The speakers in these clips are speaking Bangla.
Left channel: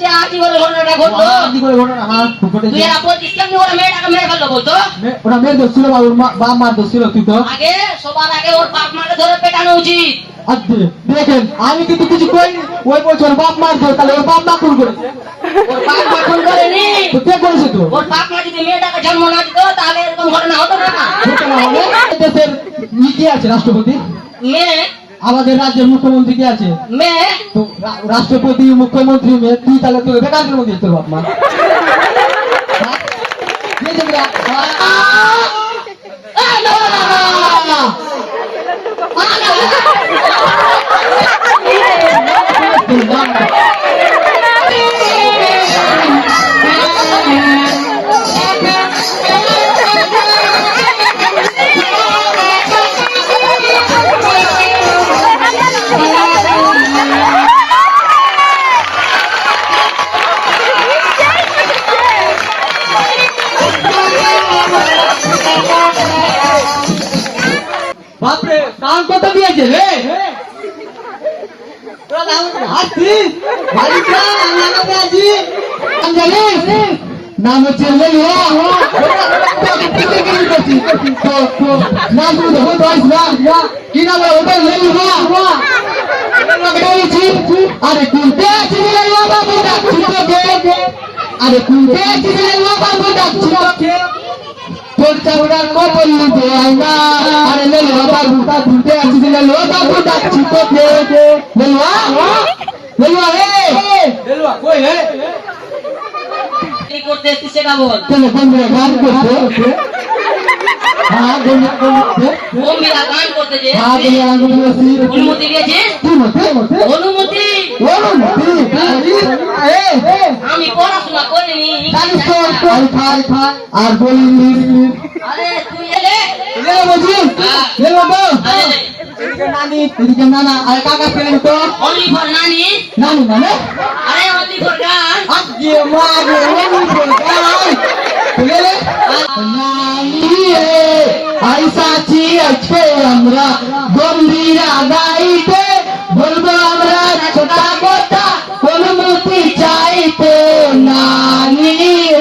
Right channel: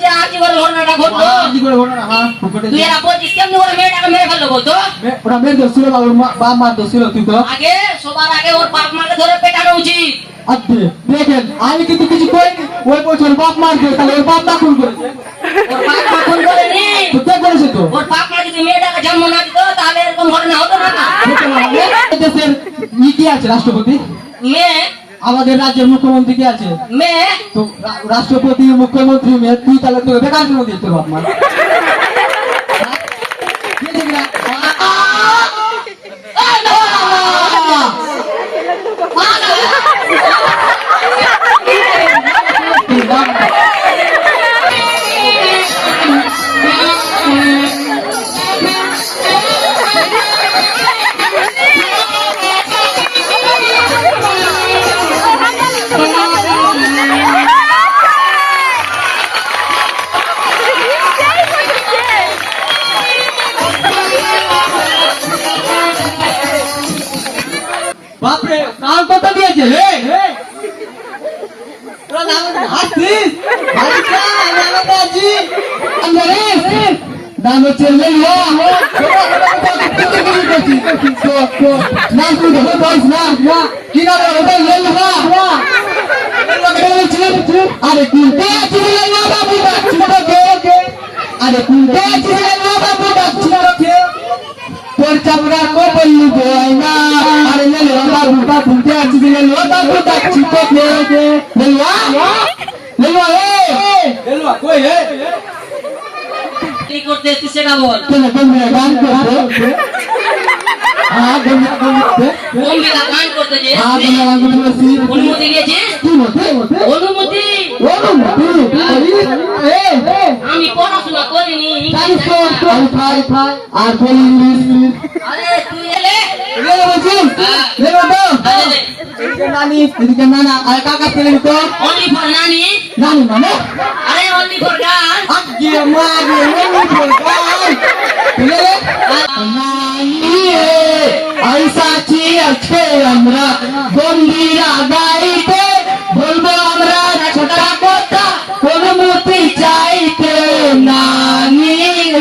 কি করে ঘটনাটা ঘটলো? কি করে ঘটনা? হ্যাঁ তুই এরা বলছিস কেমনি ওরা মেয়েটাকে মেরে ফেললো বলতো? ওরা মেয়ের দোষ ছিল বা ওর বাপ মার দোষ ছিল? তুই তো আগে সবার আগে ওর বাপ মাকে ধরে পেটানো উচিত। আচ্ছা দেখেন আমি কিন্তু কিছু কইনি, ওই বলছে ওর বাপ মার দোষ, তাহলে ওর বাপ মা খুন করেছে। ওর বাপ মা খুন করেনি, তো কে করেছে? তো ওর বাপ মা যদি মেয়েটাকে জন্ম না দিত তাহলে এরকম ঘটনা হতো না। দেশের কি আছে? রাষ্ট্রপতি মেয়ে, আমাদের রাজ্যের মুখ্যমন্ত্রী কি আছে? মেয়ে তো রাষ্ট্রপতি মুখ্যমন্ত্রী মেয়ে, তুই তাহলে তোর বেকার মধ্যে তোর বাপ মা বাপরে কাল কত দিয়েছে রে? তোরা নাম আসছিস নাম হচ্ছে নাম তুই দেখো কি নাম? আরে কুলতে বাবু ডাকছি, আরে কুলতে বাবু ডাকছি, তোর চামড়ার কপাল নিতে আইনা, আরে লেলুয়া বাবুটা তুলতে আছি, লেলুয়া বাবু ডাকছি তোকে, লেলুয়া লেলুয়া রে, লেলুয়া কই রে? কি করতে এসেছিস সেটা বল। কেন বন্ধুরা গান করতে? হ্যাঁ বন্ধুরা করতে, বন্ধুরা গান করতে যে হ্যাঁ বন্ধুরা গান করতে। অনুমতি দিয়েছিস? কি মতে মতে অনুমতি? অনুমতি আমি পড়াশোনা করিনি, জানিস তো খাই খাই আর বলি ইংলিশ। আরে তুই এলে লে বলছিস লে তো এদিকে নানি এদিকে নানা আর কাকা পেলেন তো অনলি ফর নানি। নানি মানে আরে অনলি ফর গান। আজকে মাগে ওনি বলতাই পেলে নানি আইসাছি আজকে আমরা বন্দিরা গাইতে, বলবো আমরা ছোটা কথা অনুমতি চাইতে নানি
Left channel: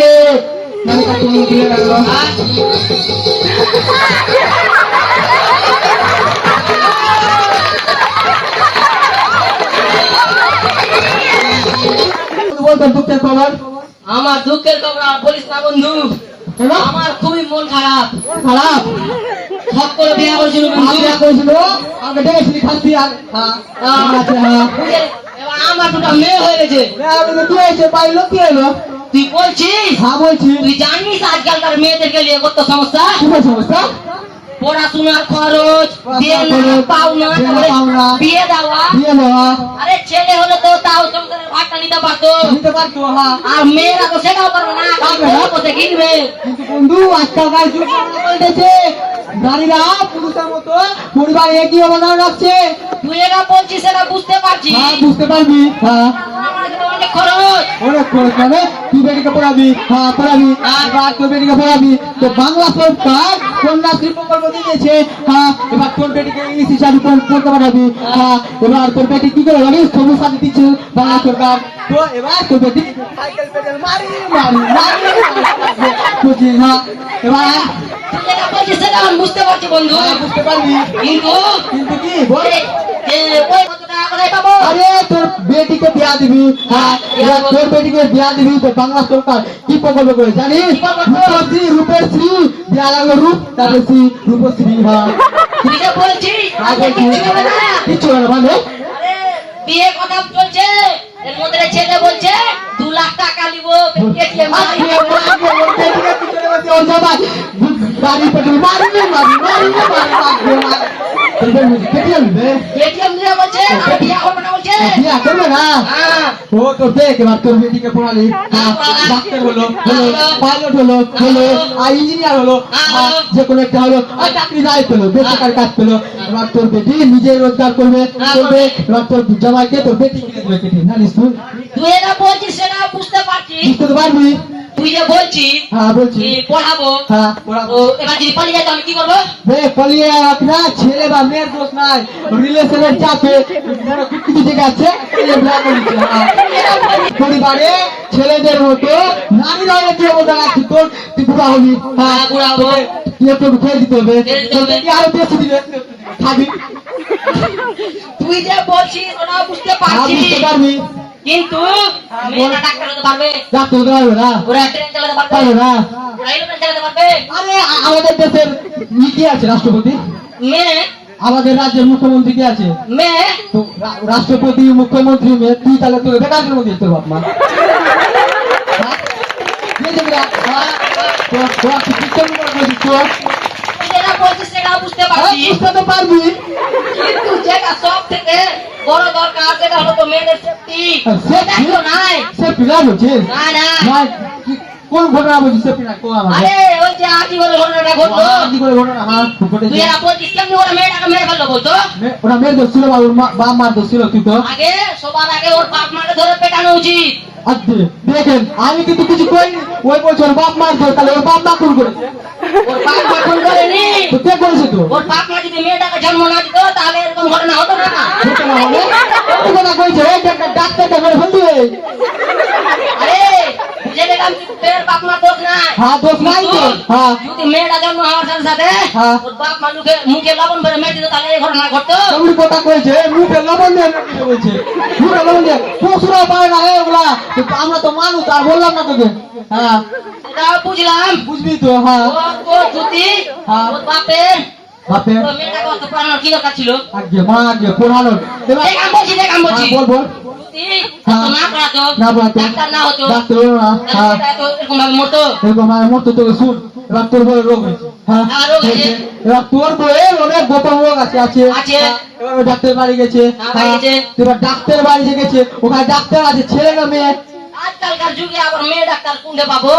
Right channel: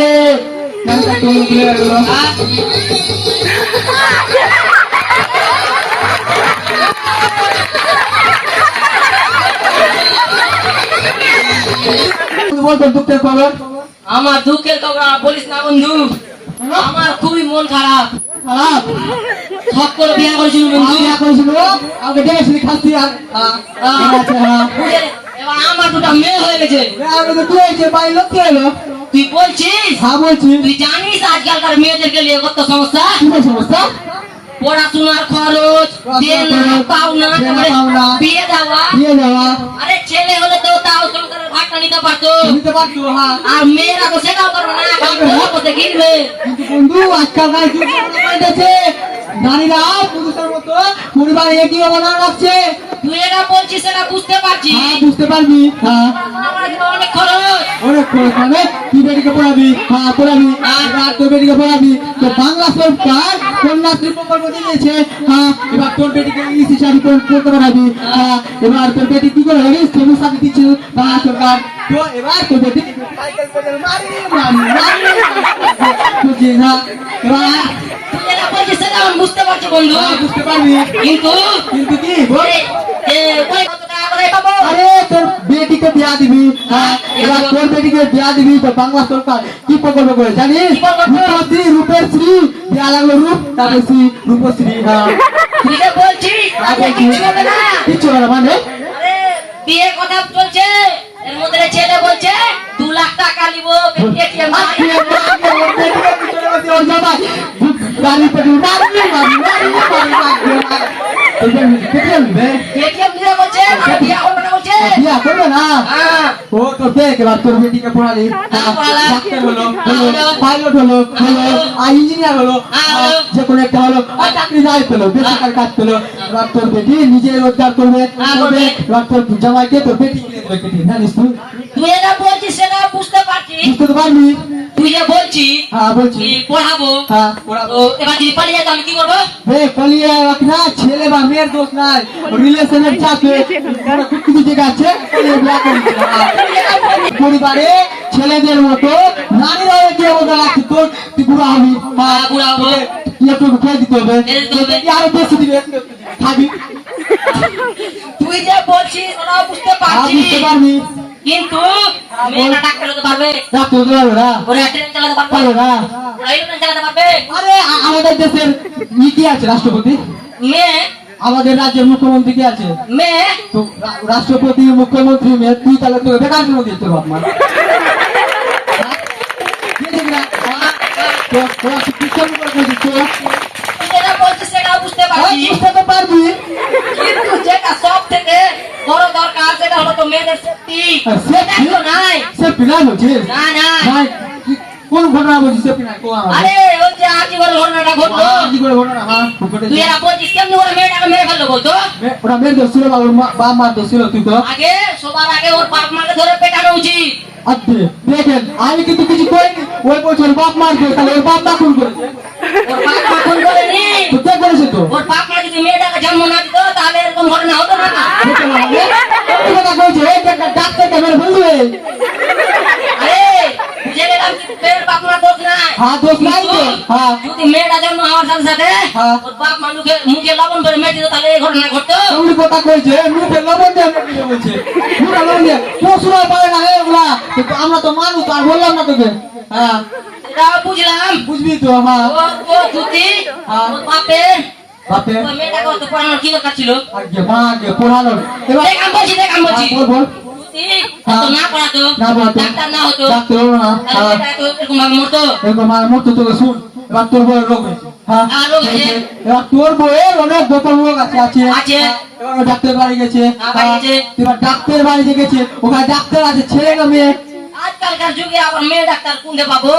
রে। দুঃখের খবর আমার দুঃখের খবর আর বলিস না বন্ধু, আমার খুবই মন খারাপ। খারাপ সব করে বিয়া করেছিল বন্ধু, বিয়া করেছিল আমাকে ডেকেছিলি খাসি আর আছে। হ্যাঁ এবার আমার দুটা মেয়ে হয়ে গেছে। কি হয়েছে? বাড়ির লোক কি হলো? তুই বলছিস? হ্যাঁ বলছি। তুই জানিস আজকালকার মেয়েদেরকে নিয়ে কত সমস্যা? কি সমস্যা? পড়াশোনার খরচ, দেনা পাওনা, বিয়ে দেওয়া। বিয়ে দেওয়া আরে ছেলে হলে তো তাও সংসারের ভাগটা নিতে পারতো, দিতে পারতো। হ্যাঁ আর মেয়েরা তো সেটাও পারবে না, কোথায় কিনবে? কিন্তু বন্ধু আজকালকার যুগ হয়েছে, নারীরা পুরুষের মতো পরিবার একই অবদান রাখছে। তুই এটা বলছিস সেটা বুঝতে পারছি, হ্যাঁ বুঝতে পারবি। হ্যাঁ আমার জীবনে অনেক খরচ। অনেক খরচ মানে তুই বেটিকে পড়াবি, হ্যাঁ পড়াবি, এবার তোর বেটিকে পড়াবি। তো বাংলা সরকার কন্যাশ্রী প্রকল্প দিয়েছে, হ্যাঁ এবার তোর বেটিকে ইংলিশ শাড়ি পড়তে পারাবি। হ্যাঁ এবার তোর বেটি কি করে জানিস? সবুজ শাড়ি দিচ্ছে বাংলা সরকার। তো এবার তোর বেটি সাইকেল পেডেল মারি মারি মারি বুঝি। হ্যাঁ এবার তুই এটা বলছিস সেটা আমি বুঝতে পারছি বন্ধু, বুঝতে পারবি। কিন্তু কিন্তু কি বল? ওই কত টাকা করে পাবো? আরে তোর বেটিকে বিয়া দিবি, হ্যাঁ এবার তোর বেটিকে বিয়া দিবি তো বাংলা সরকার কি প্রকল্প করে জানিস? রূপশ্রী, রূপশ্রী বিয়া লাগলো রূপ তারপরে শ্রী, রূপশ্রী। হ্যাঁ তুই এটা বলছিস কিছু হবে না মানে আরে বিয়ে কথা বলছে, এর মধ্যে ছেলে বলছে 2 লাখ টাকা নিব এটিএম গাড়ি পেট্রোল মারি মারি মারি এটিএম দিলে বলছে বিয়ে হবে না বলছে। বিয়া করবে না। হ্যাঁ ও তো দেখ এবার তোর বেটিকে পড়ালি, ডাক্তার হলো, পাইলট হলো, আর ইঞ্জিনিয়ার হলো, যে কোনো একটা হলো, আর চাকরি যাই পেলো, বেসরকারি কাজ পেলো। এবার তোর বেটি নিজে রোজগার করবে, এবার তোর জামাইকে তোর বেটি কিনে দেবে কেটে, জানিস তুই? তুই এটা বলছিস সেটা বুঝতে পারছি, বুঝতে পারবি। তুই যে বলছিস হ্যাঁ বলছি কি পড়াবো হ্যাঁ পড়াবো। তো এবার যদি পালিয়ে যায় তাহলে কি করবো? পালিয়ে না, ছেলে বা মেয়ের দোষ নাই, রিলেশনের চাপে কোনো কিছু ঠিক আছে পালিয়ে বিয়ে করে দিচ্ছে। হ্যাঁ। পরিবারে ছেলেদের মতো নারীরা এগিয়ে বলতে আছে তোর তুই বুড়া হবি। হ্যাঁ, বুড়া হবো। তুই একটু খেয়ে দিতে হবে, খেয়ে দিতে হবে। তুই আরো বেশি দিবে খাবি। তুই যে বলছিস ওরা বুঝতে হ্যাঁ, পারছি বুঝতে পারবি। কিন্তু মেয়েরা ডাক্তার হতে পারবে, ডাক্তার হতে পারবে না, ওরা ট্রেন চালাতে পারবে, পারবে না। ওরা এরোপ্লেন চালাতে পারবে। আরে আমাদের দেশের নীতি আছে রাষ্ট্রপতি, মেয়ে আমাদের রাজ্যের মুখ্যমন্ত্রী কি আছে? মেয়ে তো রাষ্ট্রপতি মুখ্যমন্ত্রী মেয়ে, তুই তাহলে তোকে বেকারের মধ্যে দিতে বাপ মা। তুই যেটা বলছিস সেটা বুঝতে পারছি পারবি। কিন্তু যেটা সব থেকে বড় দরকার সেটা হলো তো মেয়েদের সেফটি। সেটা তো নাই। সেফটি নাই বলছিস? না না নাই, কোন ঘটনা বলছিস? সেফটি নাই কোন আমাকে? আরে ওই যে আজই বলে ঘটনাটা ঘটলো, কি করে ঘটনা? হ্যাঁ ঘটেছে। তুই এরা বলছিস কেমনি ওরা মেয়েটাকে মেরে ফেললো বলতো? ওরা মেয়ের দোষ ছিল বা ওর বাপ মার দোষ ছিল? তুই তো আগে সবার আগে ওর বাপ মাকে ধরে পেটানো উচিত। আচ্ছা দেখেন, আমি কিন্তু কিছু করিনি, ওই বলছে ওর বাপ মার দোষ, তাহলে ওর বাপ মা খুন করেছে। ওর বাপ মা খুন করেনি, তো কে করেছে? তো ওর বাপ মা যদি মেয়েটাকে জন্ম না দিত তাহলে এরকম ঘটনা হতো না। হতে না হবে। এই কথা কইছে, এই যে একটা ডাক্তারকে মেরে ফেলবে। আরে বুঝে গেলাম কিন্তু মেয়ের বাপ মা দোষ নাই। হ্যাঁ দোষ নাই তো। হ্যাঁ যদি মেয়েটা জন্ম হওয়ার সাথে সাথে হ্যাঁ। ওর বাপ মা মুখে লবণ ভরে মেরে দিত তাহলে এই ঘটনা ঘটতো। তুমি কথা কইছে, মুখে লবণ দিয়ে মেরে বলছে, মুখে লবণ দিয়ে পশুরা পাবে না এগুলা। কিন্তু আমরা তো মানুষ, আর বললাম না তোকে। হ্যাঁ এটাও বুঝলাম। বুঝবি তো। হ্যাঁ ও যদি হ্যাঁ। ওর বাপের বাপে ওই মেয়েটাকে অত পড়ানোর কি দরকার ছিল? আগে মা আগে পড়ালো। এবার দেখ আমি বলছি হ্যাঁ, বল যদি হ্যাঁ। এত না পড়াতো না পড়াতো, ডাক্তার না হতো ডাক্তার হলো না। তাহলে হ্যাঁ মেয়েটা এত এরকম ভাবে মরতো। এরকম আমার মতো তোকে শুন, এবার তোর বউয়ের রোগ হয়েছে। হ্যাঁ হ্যাঁ, রোগ হয়েছে। এবার তোর বউয়ের অনেক গোপন রোগ আছে। আছে। হ্যাঁ, এবার ও ডাক্তার বাড়ি গেছে। হ্যাঁ, বাড়ি গেছে। এবার ডাক্তার বাড়ি যে গেছে, ওখানে ডাক্তার আছে ছেলে না মেয়ে? আজকালকার যুগে আবার মেয়ে ডাক্তার কোনটা পাবো?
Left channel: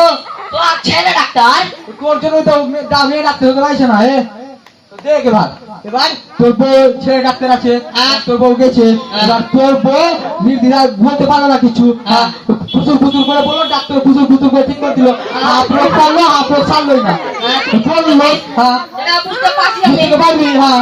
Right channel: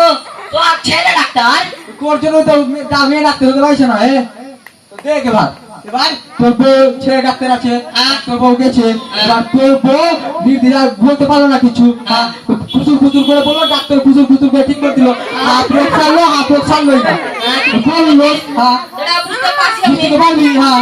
তো আর ছেলে ডাক্তার। তোর জন্য তো মেয়ে ডাক্তার হতে পারছে না। তো দেখ এবার, এবার তোর বউ ছেলে ডাক্তার আছে, হ্যাঁ। তোর বউ গেছে। হ্যাঁ। এবার তোর বউ নির্দিরা বলতে পারলো না কিছু। হ্যাঁ। খুচুর খুচুর করে বললো, ডাক্তার খুচুর খুচুর করে ঠিক করে দিল। হাফ রোগ ছাড়লো, হাফ রোগ ছাড়লোই না। বললো হ্যাঁ সেটা বুঝতে পারছি আমি। বুঝতে পারবি। হ্যাঁ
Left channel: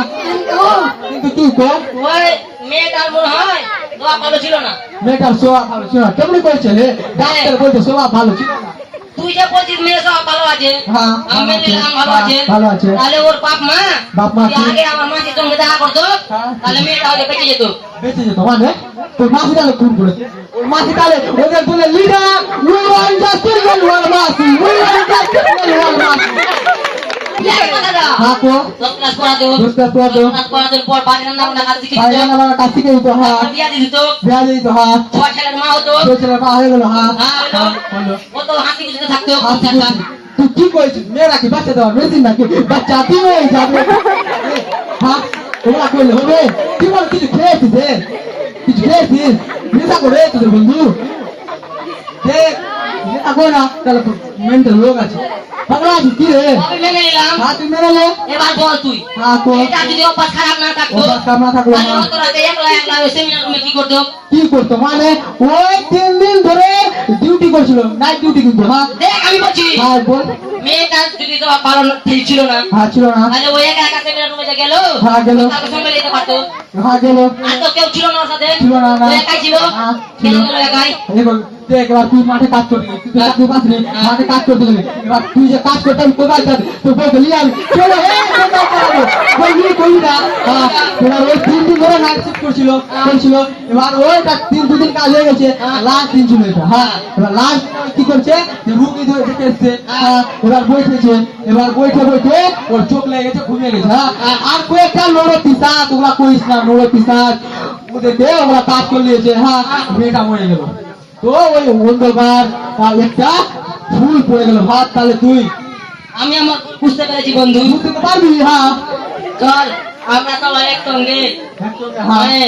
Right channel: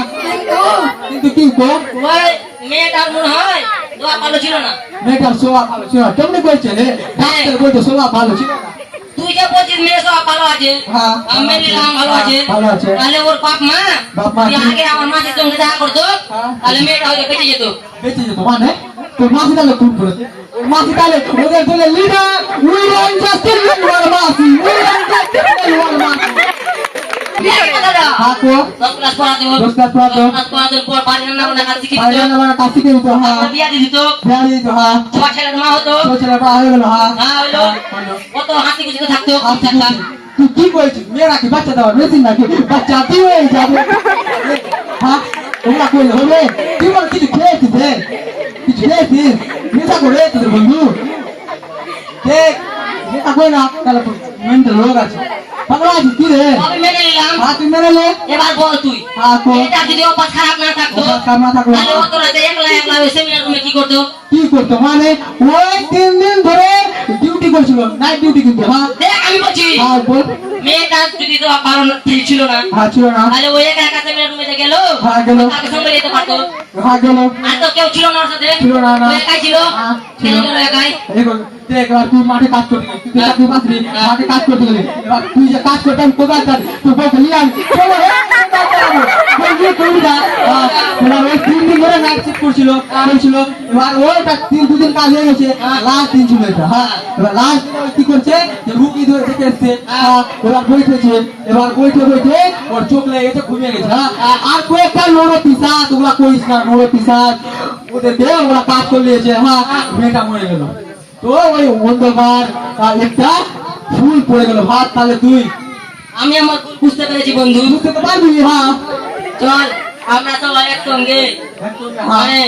কিন্তু কি কর, ওই মেয়েটার মনে হয় দোয়া ভালো ছিল না। মেয়েটার স্বভাব ভালো ছিল না। কেমনি করেছে রে? ডাক্তার বলতে স্বভাব ভালো ছিল না। তুই যে বলছিস মেয়ে সব ভালো আছে, হ্যাঁ, আমি মেয়ের ভালো আছে, ভালো আছে। তাহলে ওর বাপ মা বাপ মা যদি কি? আগে আমার মাসির সঙ্গে দেখা করতো হ্যাঁ। তাহলে মেয়েটা হয়তো বেঁচে যেত। বেঁচে যেত মানে? তোর মাসি তাহলে খুন করেছে। ওর মাসি তাহলে ওদের বলে leader, we want just one মাসি, উই ওয়ান্ট জাস্ট ওয়ান মাসি। হ্যাঁ কো 10 ক্লাস পড়াতো, 10 ক্লাস পড়াতো। 10 ক্লাস পড়ানোর পর বাড়ির রান্না বান্না কাজ শিখে বাইরে দিত, আমার কাছ থেকে দিত। হ্যাঁ বিয়া দিয়ে দিত, বিয়া দিত। হ্যাঁ 6 ছেলের মা হতো। তোর ছেলে পা হয়ে গেল। হ্যাঁ হ্যাঁ হইলো, হলো। কত হাসি খুশিতে থাকতো। আর তুই তুই কি করেছিস? মেয়েরা কি বাচ্চা দেওয়ার মেশিন নাকি? বাচ্চা তুই হয়ে যাবে। হ্যাঁ ওরা করলে হবে? তুই বল কিছু খেয়েছিস রে? কিছু খেয়েছিস? নেশা করে তোদের বন্ধু দেখ, নেশা করে না তাহলে মেন্টাল রোগ আছে। পাগলা আছিস কি রে? আমি মেনে নিলাম। হ্যাঁ তুই মেনে নে। এবার বল তুই, হ্যাঁ তো এটা যদি অভ্যাস খারাপ না থাকতো অভ্যাস খারাপ না থাকলো, তাহলে হ্যাঁ। অত রাতে একলা একলা সেমিনার রুমে কি করতো? কি করতো মানে? ওই 3 দিন ধরে ডিউটি করছিল, নাইট ডিউটি কিন্তু। হ্যাঁ দেখ আমি বলছি হ্যাঁ বল। মেয়েটা যদি তো ভালো ছিল না হ্যাঁ ছিল না। তাহলে ওই একা একা সেমিনার রুমে যে গেল, হ্যাঁ গেল। তার সঙ্গে যেতে পারতো। হ্যাঁ গেল। আর তো কেউ ছিল না ওর সাথে, ছিল না, না। ও একাই ছিল। হ্যাঁ, কেন ছিল। গেল একাই? দেখ এবার তুই মাঠে কাজ করতে গেলি, তুই চাকরি পাসনি, মাঠে কাজ করতে গেলি। এবার তুই যে কাজ করতে আমি কোদাল কাজ, তুই বলতে নিয়ে আমি চলো কোদাল চালাবো। বলবি করবি না। এবার ওই 3 দিন ধরে নাইট শিফট করছিল। এবার ওইটা 2 দিন কাজ হয়ে গেছে, লাস্ট দিন ছিল এটা। হ্যাঁ এবার লাস্ট কি করছে, যে রুগী ধরে দেখে এসছে। এবার বইতেছে, এবার বইতে বইতে ওর চোখ লেগে গেছে, ঘুমিয়ে গেছে। হ্যাঁ আর কয়েকটা নোড়ে পিসাজ, ওগুলা করিস না, নোড়ে পিসাজ ওদেরকে ওরা কাজ করে নিয়েছে। হ্যাঁ মেয়েটা মরে গেল। তো ওই মঙ্গলবার একটা ফুল পড়ে গেল ভাত। তাহলে তুই আমি আমার ভুল বুঝতে পেরেছি বন্ধু। বুঝতে তো পারবি। হ্যাঁ চল আমরা সবাই একসঙ্গে হ্যাঁ মানে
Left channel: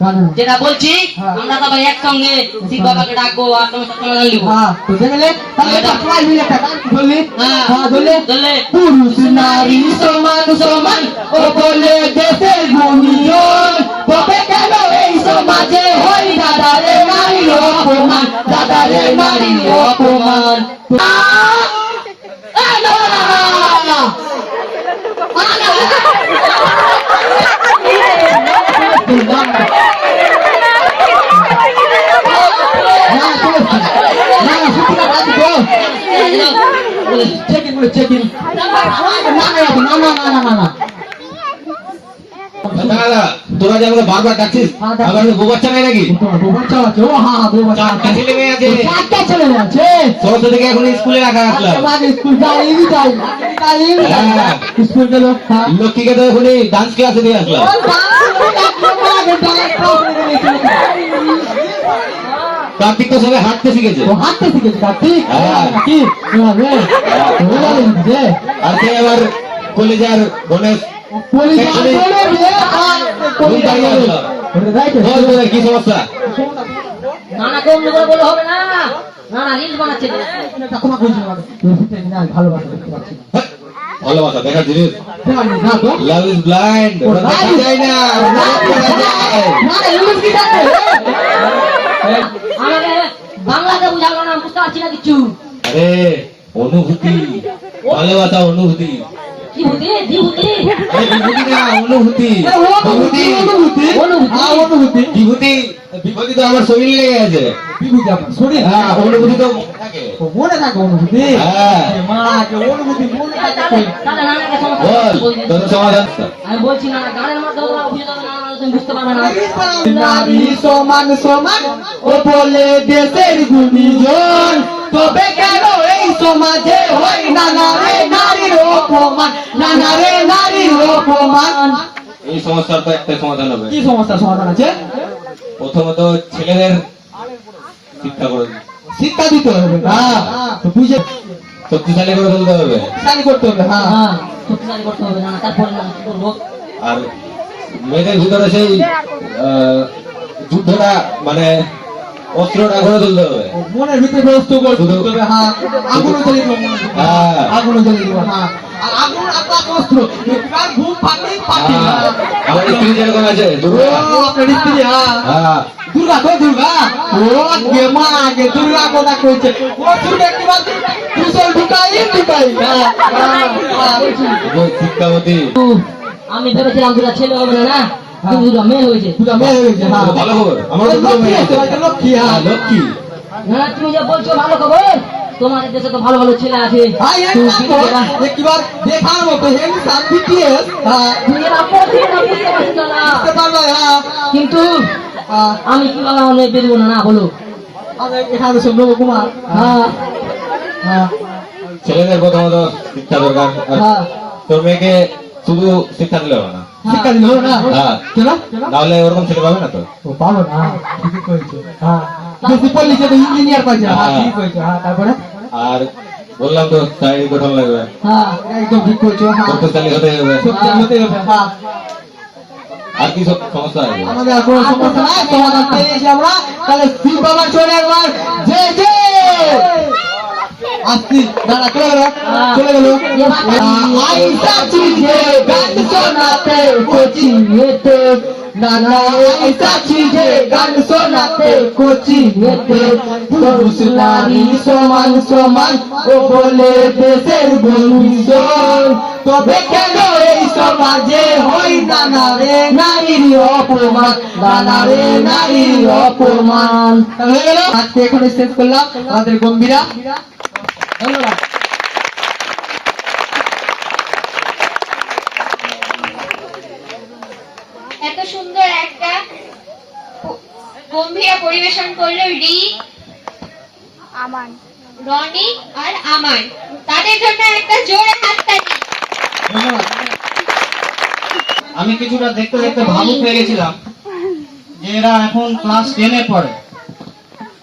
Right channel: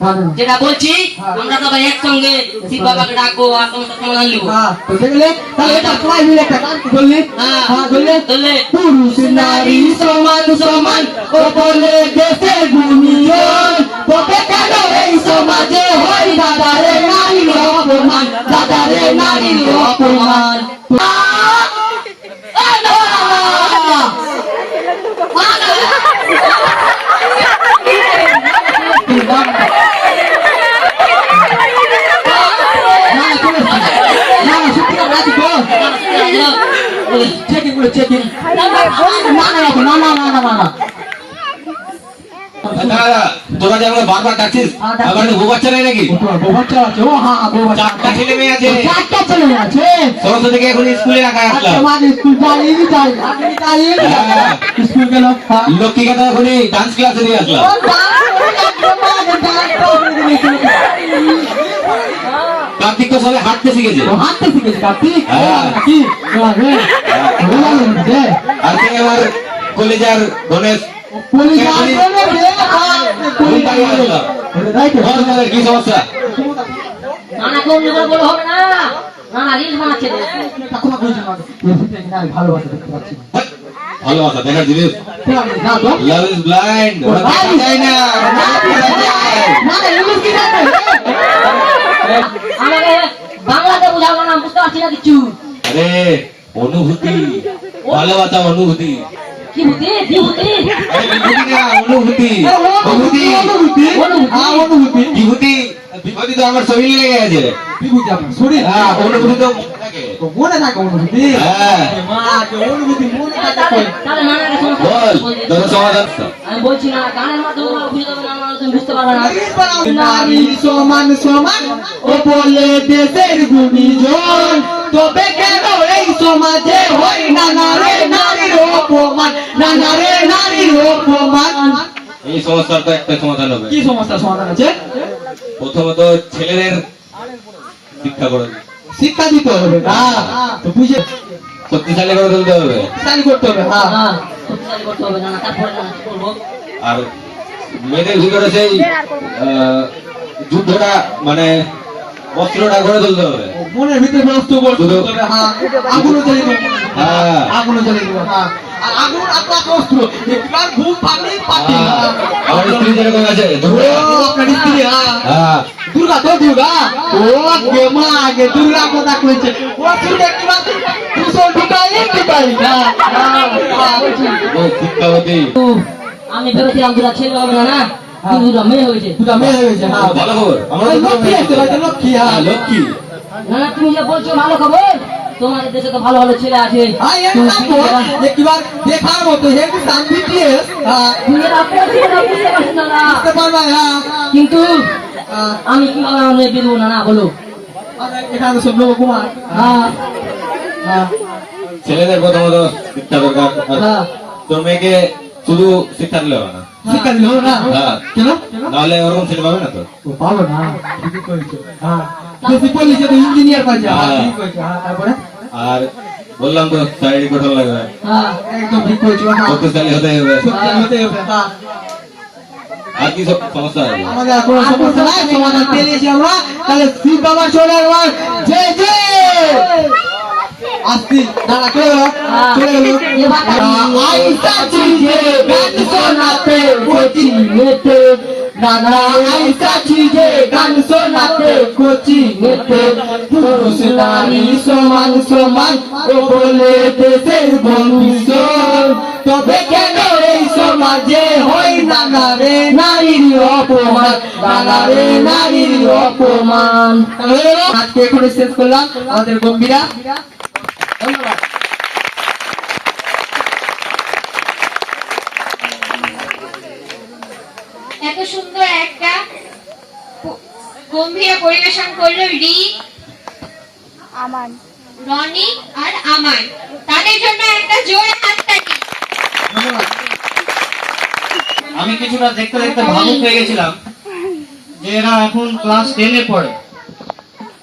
জানেন। যেটা বলছি হ্যাঁ। আমরা সবাই একসঙ্গে শিব বাবাকে ডাকবো আর সমস্ত সমাধান লিখবো। হ্যাঁ তো দেখলে তাহলে এটা সবাই মিলে একটা গান বললি। হ্যাঁ। হ্যাঁ বললে ধরলে পুরুষ নারী সমান সমান ও বলে দেশের গুণীজন, তবে কেন এই সমাজে হয় দাদারে নারী অপমান, দাদারে নারী অপমান। চেকিং করে চেকিং না না দাদা তোরা যে আমাকে বারবার ডাকছিস আমার বউ বাচ্চা নাই নাকি বাচ্চা আছে ও হ্যাঁ চারটা ছেলে মেয়ে আছে চারটা ছেলে আছে সমস্ত থেকে এখন স্কুলে রাখা আসলাম আমাদের স্কুল জানিয়ে যাই হ্যাঁ। স্কুল গেল লক্ষ্মীকে তো এখন ডান্স ক্লাসে দিয়ে আসলাম কার্তিক তো সবাই হাঁটতে শিখেছে হাঁটতে শিখেছে কার্তিক হ্যাঁ। কি আর সে আমার কলেজার গণেশ বল তোদের কি সমস্যা নানা কম করে বলে হবে না, নানা রিল বানাচ্ছে। ভালোবাসা দেখতে পাচ্ছি হ্যাঁ, ভালোবাসা দেখার জিনিস লাভ ইজ ব্লাইন্ড দেখা যায় না আমাকে বাংলাতে বুঝাও না, বুঝতে পারছি না কিছু। আরে অনুভূতি ভালোবাসা অনুভূতি কি বুদ্ধি বিভূতি আরে বিভূতি না অনুভূতি বিভূতি বিভূতি তো আমার শরীরে লেগে গেছে শরীর হ্যাঁ অনুভূতি তো মনে থাকে মনে থাকে অনুভূতি হ্যাঁ অনুভূতি মনে থাকে তাহলে নানাকে সমস্যা বল বলছি। তোর সমাধান আমি বলছি না, গানের মাধ্যমে তোমাকে বুঝে দেবে, নানা তুমি বুঝতে পারবে না। নারী সমান সমান ও বলে দেশের গুণীজন, তবে কেন এই সমাজে হয় নানারে নারীর অপমান, নানারে নারীর অপমান। এই সমস্যার তো একটা সমাধান হবে কি সমস্যা সমাধান আছে? প্রথমত ছেলেদের শিক্ষা করে শিক্ষা দিতে হবে না তো বুঝে শক্তিশালী করে তুলতে হবে স্টাডি করতে হবে। হ্যাঁ হ্যাঁ, শক্তিশালী করতে হবে, নানা তারপরে নানা কি করবো। আর মেয়েদের ভিতরে সেই যুদ্ধটা মানে অস্ত্রটা করে তুলতে হবে মনের ভিতরে ব্যস্ত করতে হবে। হ্যাঁ আগুনও জ্বালিয়ে দেবো, হ্যাঁ। আগুনও জ্বালিয়ে দেবো। হ্যাঁ আর আগুন আপনার অস্ত্র, একবার ঘুম পাতি পাতি। আমার স্ত্রী যেরকম আছে ও আপনার স্ত্রী, হ্যাঁ হ্যাঁ দুর্গা তো দুর্গা, ও আগে মা আগে দুর্গা কথা কইছে, ও শুনে একবার কুশল ঢুকাই না। বলছি শিক্ষাবতী আমি ভেবেছিলাম দুটা ছেলে হবে না, না কিন্তু দুটা মেয়ে হয়েছে। দুটা মেয়ে হয়ে গেছে। হ্যাঁ ভালো খবর আমার তো দুটো লক্ষ্মী মেয়ে আছে আছে। ভাই, লক্ষ্মী। হ্যাঁ, হ্যাঁ লক্ষ্মী নানা তুমি যে বলছো ভালো খবর, তোমাদের দেশে তো ভালো ভালো ছেলে আছে। ভাই একবার দেখার মতো হেন সার্ভিটিএস তুমি এটা পড়ছি না, বুঝতে পারছি না। বুঝতে পারবে। হ্যাঁ কিন্তু আমি কি বলা বেরবো না, না বলো। এখানে সব কুমার। হ্যাঁ হ্যাঁ ছেলেদের প্রথমত শিক্ষা দরকার হ্যাঁ তোর মেয়েকে শুধু শিক্ষা দিলে হবে না শিক্ষা দিল না হ্যাঁ কেন? নাহলে ওরকম ছেলে পাবে না তো ও পাবো না, ঠিকই করেছো। হ্যাঁ বেশি পড়লিছে তো ইঞ্জিনিয়ার পাইছে। হ্যাঁ হ্যাঁ। ঠিক করেছো। হ্যাঁ তারপরে আর বললাম তো শারীরিক গঠন লাগবে হ্যাঁ একদম ঠিক করেছো। হ্যাঁ শক্তিশালী হতে হবে সত্যি হতে হবে। হ্যাঁ আর কি সব সমস্যা আছে আমাদের আর কোনো সমস্যা নাই, সমাধান পেয়েছি আমরা। তাহলে শিব বাবা চলে এবার জয় জয় আসতি দাঁড়া চলে গেল চলে গেল। আইসা চিজে গান শোনাতে কোচিংতে, নানা আইসা চিজে গান শোনাতে কোচিংতে, পুরুষ নারী সমান সমান ও বলে দেশের ভবিষ্যৎ, তবে কেন এই সমাজে হয় নানারে নারীর অপমান, নানারে নারীর অপমান। আজকে এখানে শেষ করলাম আমাদের গম্ভীরা। ধন্যবাদ। এত সুন্দর একটা গম্ভীর পরিবেশন করলো রনি আর আমান, তাদের জন্য একটা জোরে হাততালি। আমি কিছুটা দেখতে দেখতে ভাবুক হয়ে গেছিলাম যে এরা এখন ক্লাস 10-এ পড়ে।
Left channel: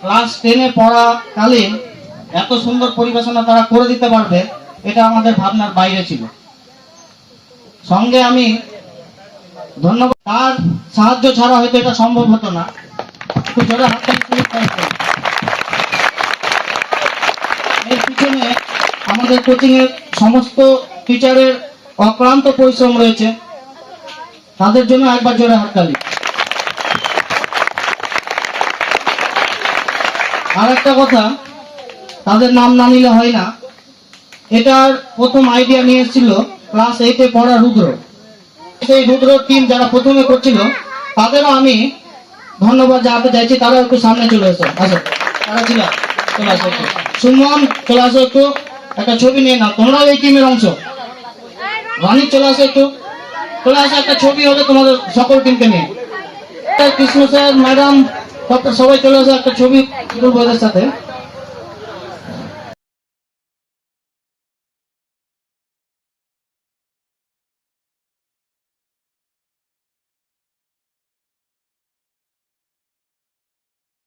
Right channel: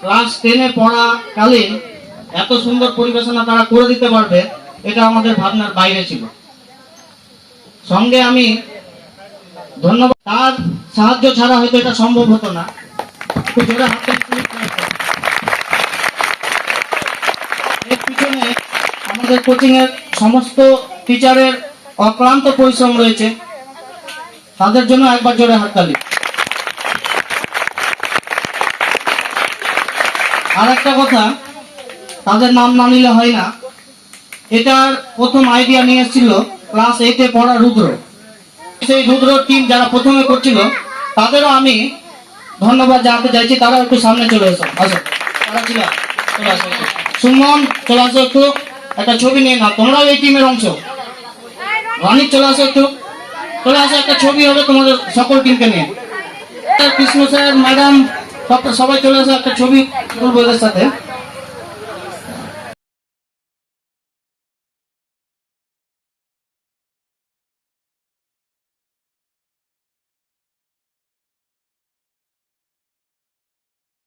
ক্লাস 10-এ পড়াকালীন এত সুন্দর পরিবেশনা তারা করে দিতে পারবে, এটা আমাদের ভাবনার বাইরে ছিল। সঙ্গে আমি ধন্যবাদ, তার সাহায্য ছাড়া হয়তো এটা সম্ভব হতো না। একটু জোরে হাততালি দিয়ে দিতে হবে। এর পিছনে আমাদের কোচিং এর সমস্ত টিচারের অক্লান্ত পরিশ্রম রয়েছে, তাদের জন্য একবার জোরে হাততালি। আর একটা কথা, তাদের নাম না নিলে হয় না। এটার প্রথম আইডিয়া নিয়ে এসেছিল ক্লাস 8-এ পড়া রুদ্র। সেই রুদ্র টিম যারা প্রথমে করছিল তাদেরও আমি ধন্যবাদ জানাতে চাইছি। তারাও একটু সামনে চলে এসো, আসো তারা ছিল, চলে আসো একটু। সুমন চলে আসো একটু, একটা ছবি নিয়ে না, তোমরাও এই টিমের অংশ। রানী চলে আসো একটু, চলে আসো, একটা ছবি হবে তোমাদের সকল টিমকে নিয়ে। কৃষ্ণ স্যার, ম্যাডাম, সবাই চলে আসো, একটা ছবি বইদের সাথে।